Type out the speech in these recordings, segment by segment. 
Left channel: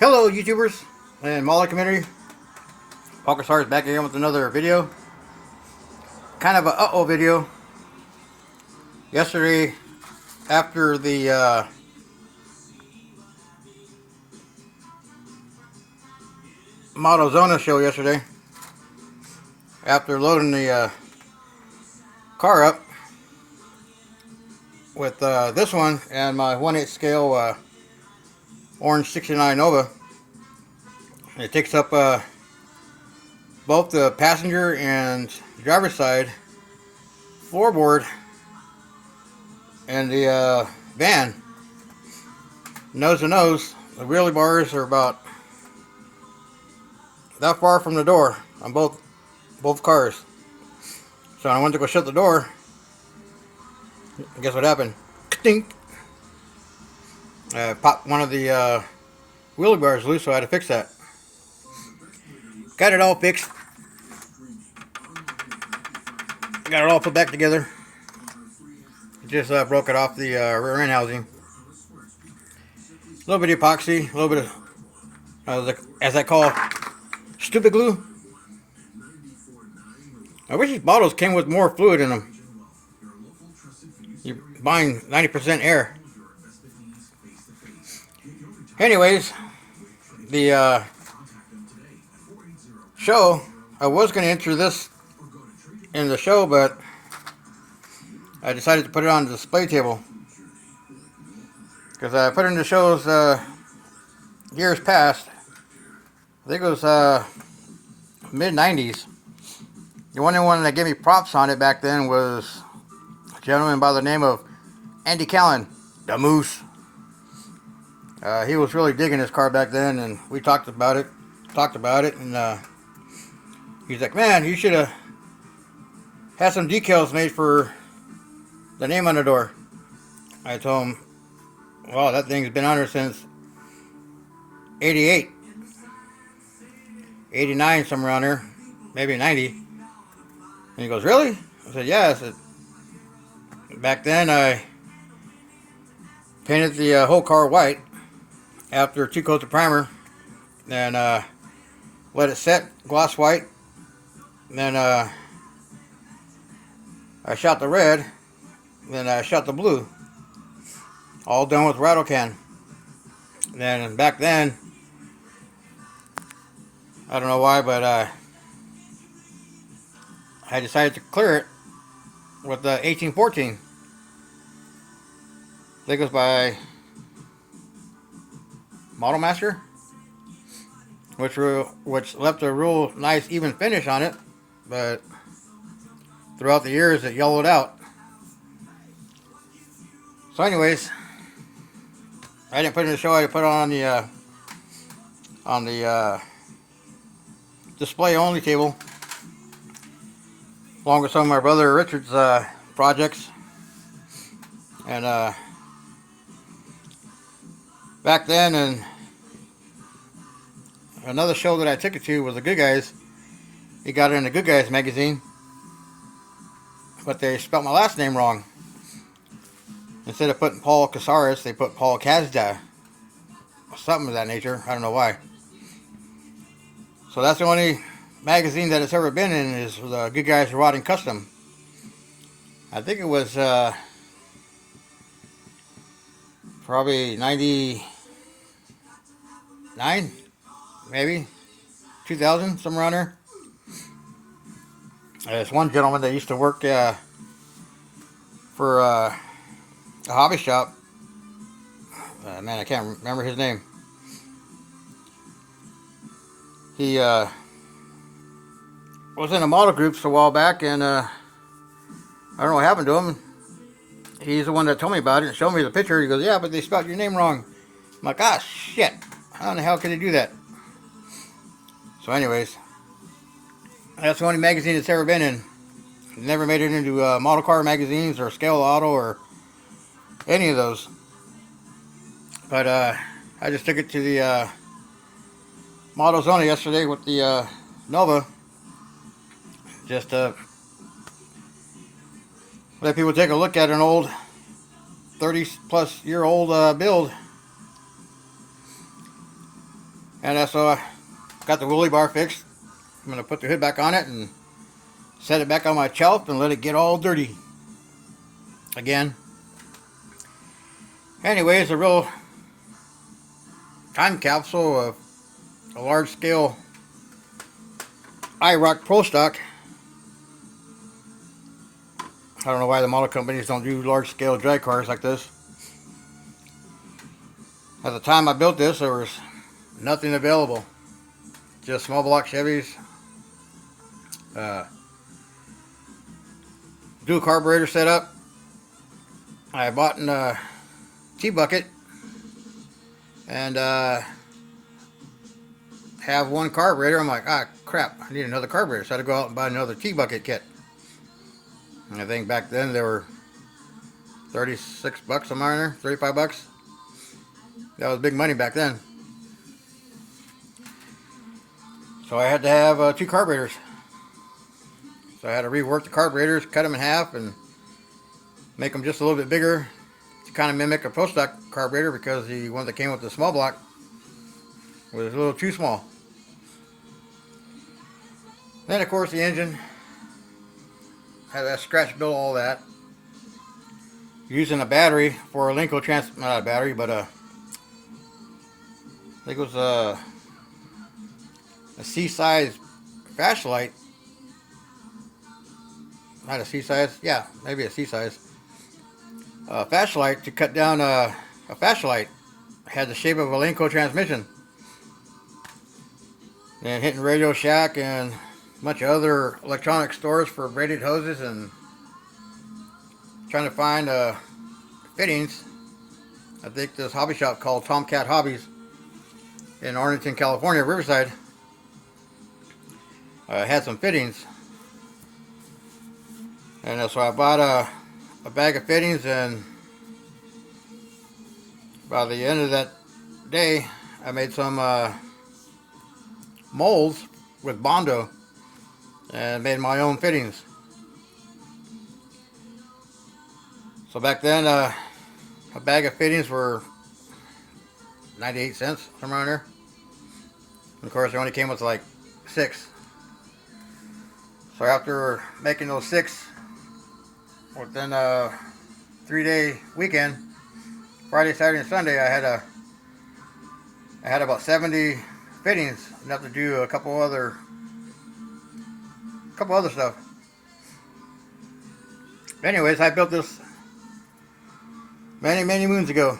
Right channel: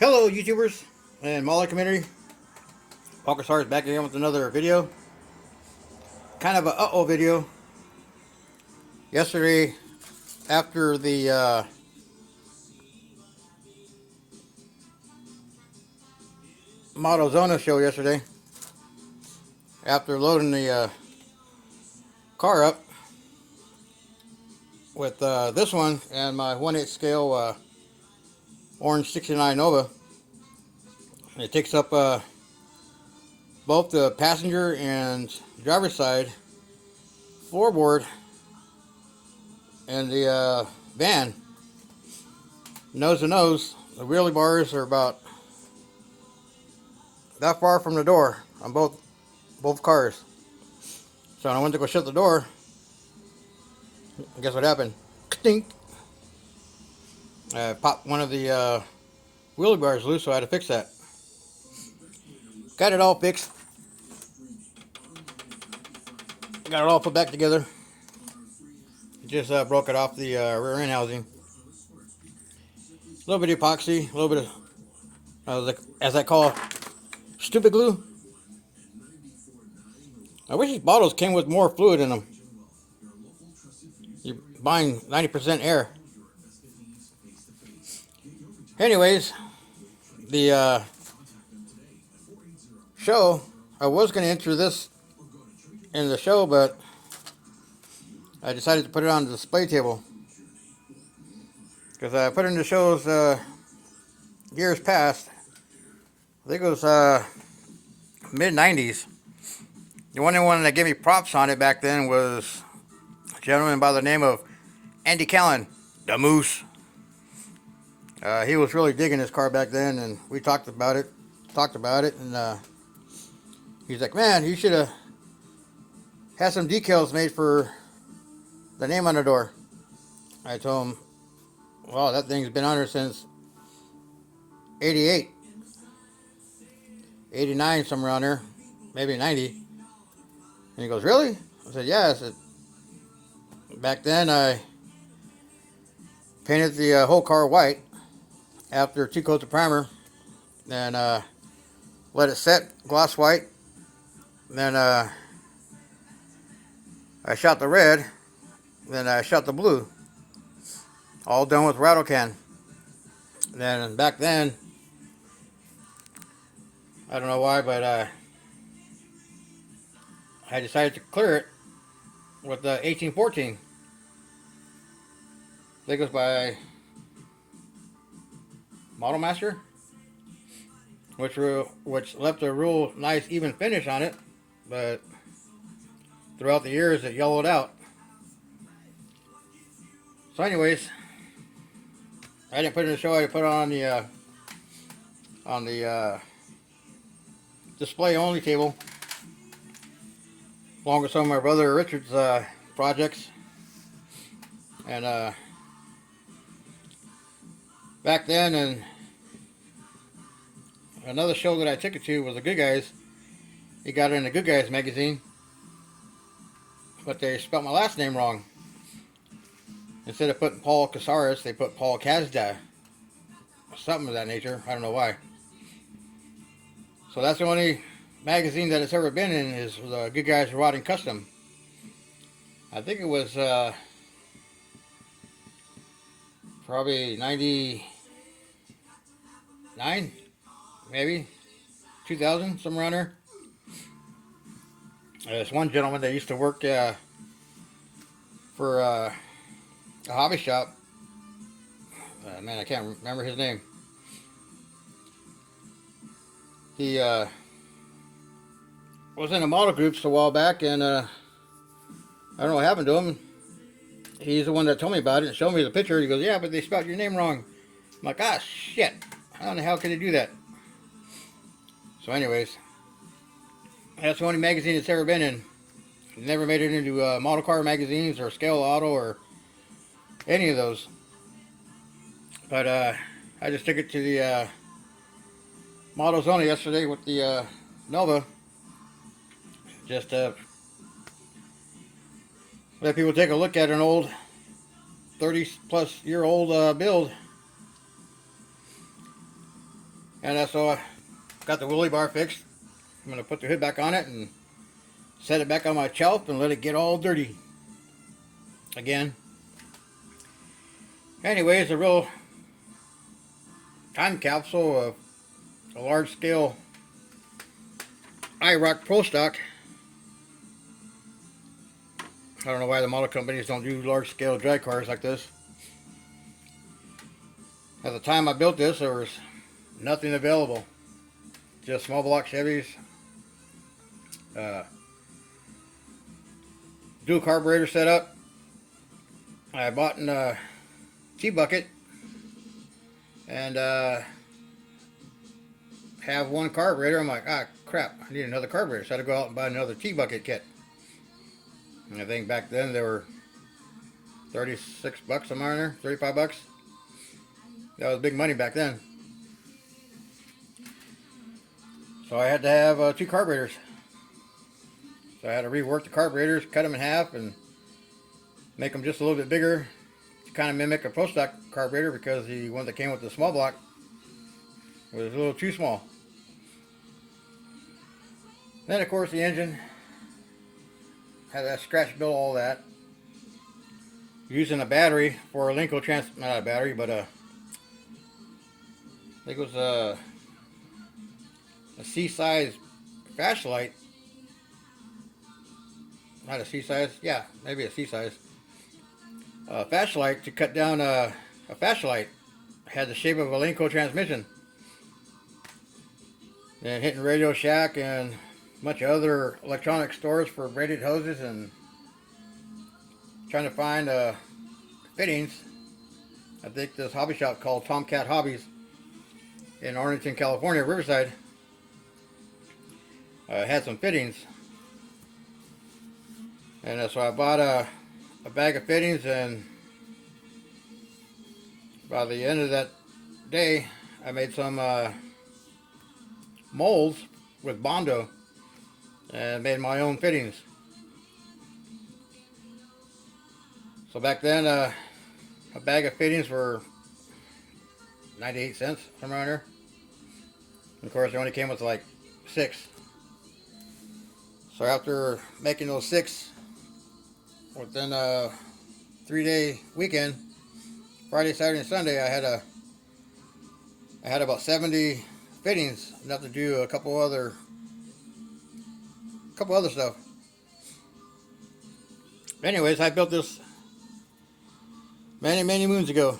Hello YouTubers and Mauler community. Poker Stars back again with another video. Kind of a uh-oh video. Yesterday, after the modelzona show yesterday, after loading the car up with this one and my 1/8 scale orange 69 Nova, it takes up both the passenger and driver's side floorboard and the van, nose to nose. The wheelie bars are about that far from the door on both cars. So when I went to go shut the door, guess what happened? Stink. I popped one of the wheelie bars loose, so I had to fix that. Got it all fixed. Got it all put back together. Just broke it off the rear end housing. A little bit of epoxy, a little bit of, as I call, stupid glue. I wish these bottles came with more fluid in them. You're buying 90% air. Anyways, the show, I was going to enter this in the show, but I decided to put it on the display table. Because I put it in the shows years past. I think it was mid-90s. The only one that gave me props on it back then was a gentleman by the name of Andy Callan, the Moose. He was really digging this car back then, and we talked about it, and he's like, man, you should have had some decals made for the name on the door. I told him, well, that thing's been on there since 88, 89, somewhere around there, maybe 90. And he goes, really? I said, yeah. I said, back then I painted the whole car white after 2 coats of primer, then let it set, gloss white. Then I shot the red, then I shot the blue, all done with rattle can. Then back then, I don't know why, but I decided to clear it with the 1814. I think it was by Model Master, which left a real nice even finish on it, but throughout the years it yellowed out. So anyways, I didn't put it in the show. I put it on the display only table, along with some of my brother Richard's projects. And back then, and another show that I took it to was the Good Guys. He got it in the Good Guys magazine, but they spelled my last name wrong. Instead of putting Paul Casares, they put Paul Kazda. Something of that nature. I don't know why. So that's the only magazine that it's ever been in, is the Good Guys Rotting Custom. I think it was probably 99, maybe 2000, somewhere around there. There's one gentleman that used to work for a hobby shop. Man, I can't remember his name. He was in the model groups a while back, and I don't know what happened to him. He's the one that told me about it and showed me the picture. He goes, yeah, but they spelled your name wrong. I'm like, ah, shit. How in the hell could they do that? So anyways, that's the only magazine it's ever been in. Never made it into model car magazines or Scale Auto or any of those. But I just took it to the modelzona yesterday with the Nova, just to let people take a look at an old 30 plus year old build. And so I got the wheelie bar fixed. I'm going to put the hood back on it and set it back on my shelf and let it get all dirty again. Anyways, a real time capsule of a large scale IROC Pro Stock. I don't know why the model companies don't do large scale drag cars like this. At the time I built this, there was nothing available. Just small block Chevys, dual carburetor setup. I bought a T-bucket and have one carburetor. I'm like, ah, crap, I need another carburetor. So I had to go out and buy another T-bucket kit. And I think back then they were 36 bucks, somewhere in there, 35 bucks. That was big money back then. So I had to have 2 carburetors. So I had to rework the carburetors, cut them in half, and make them just a little bit bigger to kind of mimic a Pro Stock carburetor, because the one that came with the small block was a little too small. Then of course the engine had that scratch built, all that. Using a battery for a Linko not a battery, but I think it was a C-size flashlight. Not a C-size, yeah, maybe a C-size. Flashlight to cut down a flashlight. Had the shape of a Linko transmission. And hitting Radio Shack and a bunch of other electronic stores for braided hoses and trying to find fittings. I think this hobby shop called Tomcat Hobbies in Arlington, California, Riverside, had some fittings. And so I bought a bag of fittings, and by the end of that day I made some molds with Bondo and made my own fittings. So back then a bag of fittings were 98 cents, somewhere around there. And of course, it only came with like 6. So after making those 6 within a 3-day weekend, Friday, Saturday, and Sunday, I had about 70 fittings, enough to do a couple other stuff. Anyways, I built this many moons ago.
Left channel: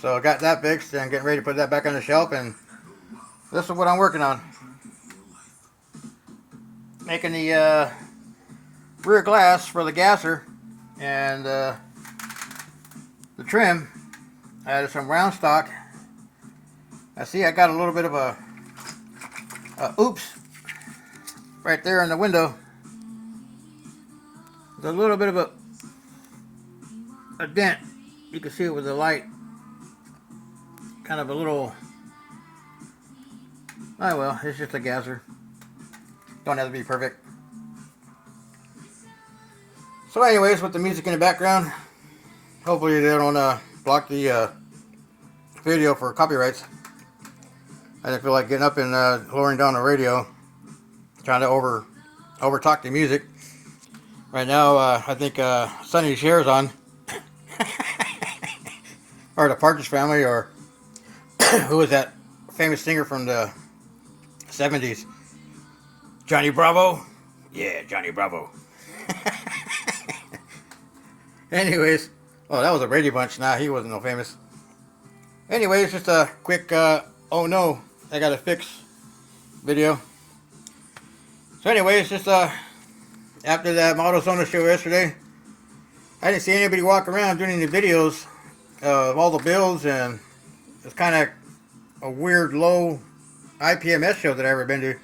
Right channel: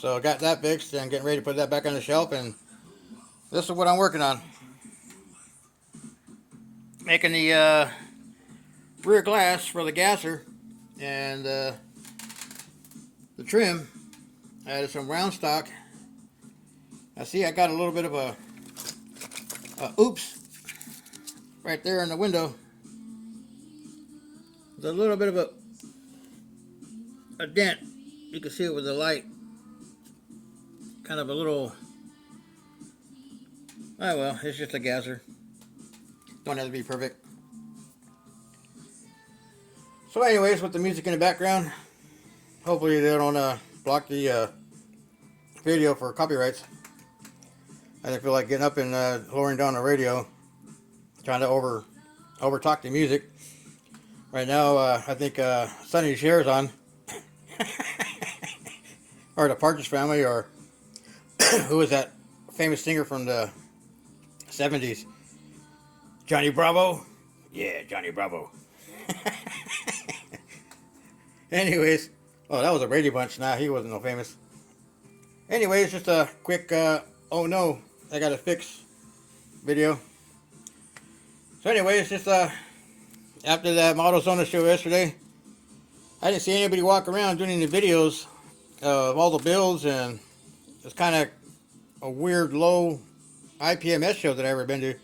So I got that fixed and getting ready to put that back on the shelf, and this is what I'm working on. Making the rear glass for the gasser and the trim. I added some round stock. I see I got a little bit of a oops right there in the window. There's a little bit of a dent. You can see it with the light. Kind of a little, oh well, it's just a gasser. Don't have to be perfect. So anyways, with the music in the background, hopefully they don't block the video for copyrights. I didn't feel like getting up and lowering down the radio, trying to over talk the music. Right now, I think Sonny Cher's on, or the Partridge Family, or who was that famous singer from the 70s? Johnny Bravo? Yeah, Johnny Bravo. Anyways, oh, that was a Brady Bunch. Nah, he wasn't no famous. Anyways, just a quick, oh no, I gotta fix video. So anyways, just after that modelzona show yesterday, I didn't see anybody walk around doing any videos of all the builds, and it's kind of a weird low IPMS show that I've ever been to.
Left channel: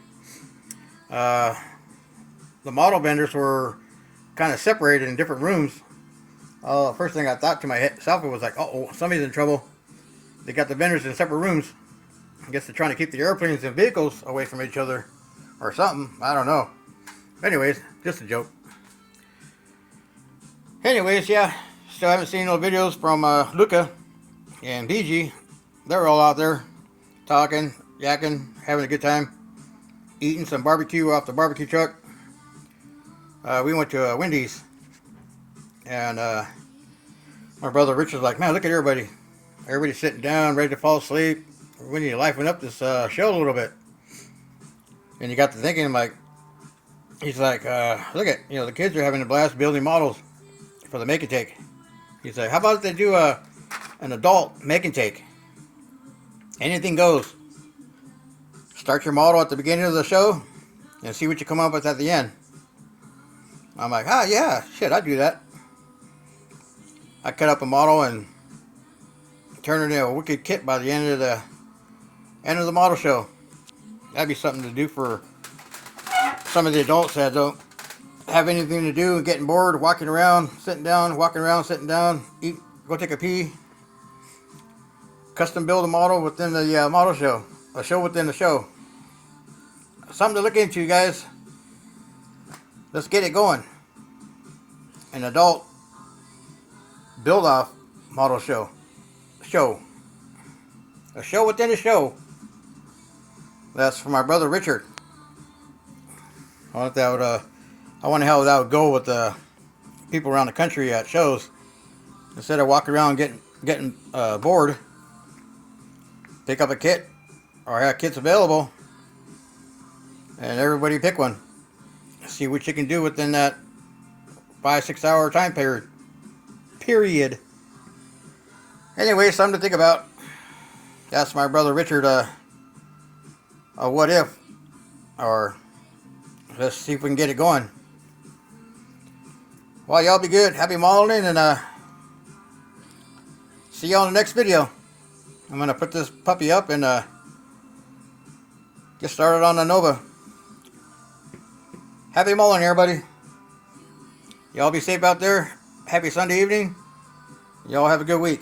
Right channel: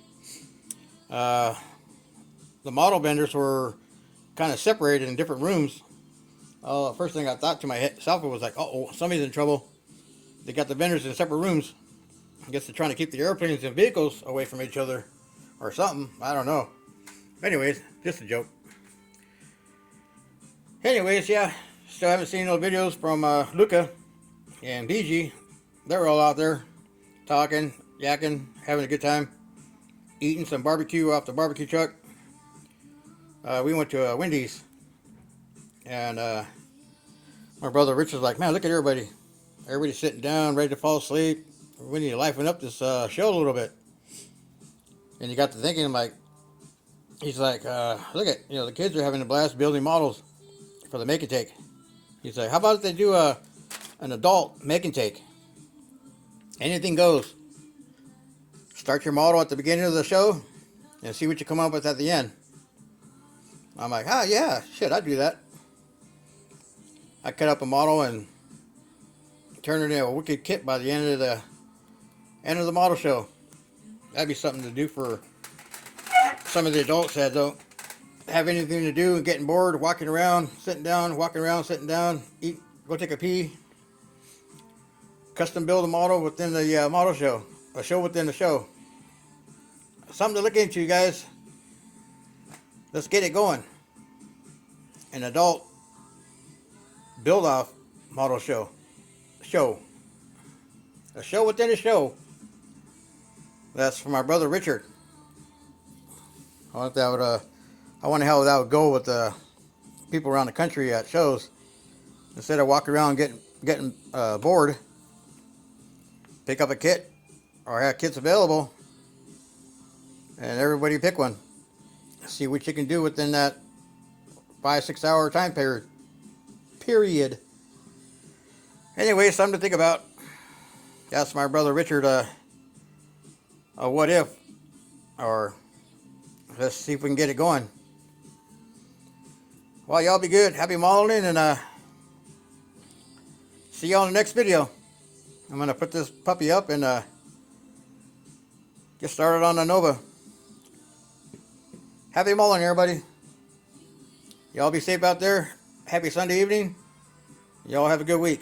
The model vendors were kind of separated in different rooms. First thing I thought to myself was like, oh, somebody's in trouble. They got the vendors in separate rooms. I guess they're trying to keep the airplanes and vehicles away from each other or something. I don't know. Anyways, just a joke. Anyways, yeah, still haven't seen no videos from Luca and BG. They're all out there talking. yakking, having a good time, eating some barbecue off the barbecue truck. We went to Wendy's, and my brother Richard's like, man, look at everybody. Everybody's sitting down, ready to fall asleep. We need to liven up this show a little bit. And he got to thinking, like, he's like, look at, the kids are having a blast building models for the make and take. He's like, how about if they do an adult make and take? Anything goes. Start your model at the beginning of the show and see what you come up with at the end. I'm like, yeah, shit, I'd do that. I cut up a model and turn it into a wicked kit by the end of the model show. That'd be something to do for some of the adults that don't have anything to do and getting bored, walking around, sitting down, walking around, sitting down, eat, go take a pee. Custom build a model within the model show, a show within the show. Something to look into, you guys. Let's get it going. An adult build-off model show. A show within a show. That's for my brother Richard. I wonder how that would go with people around the country at shows. Instead of walking around getting bored, pick up a kit or have kits available, and everybody pick one. See what you can do within that 5-6 hour time period. Anyway, something to think about. That's my brother Richard. A what if, or let's see if we can get it going. Well, y'all be good. Happy modeling, and see y'all in the next video. I'm gonna put this puppy up and get started on the Nova. Happy modeling, everybody. Y'all be safe out there. Happy Sunday evening. Y'all have a good week.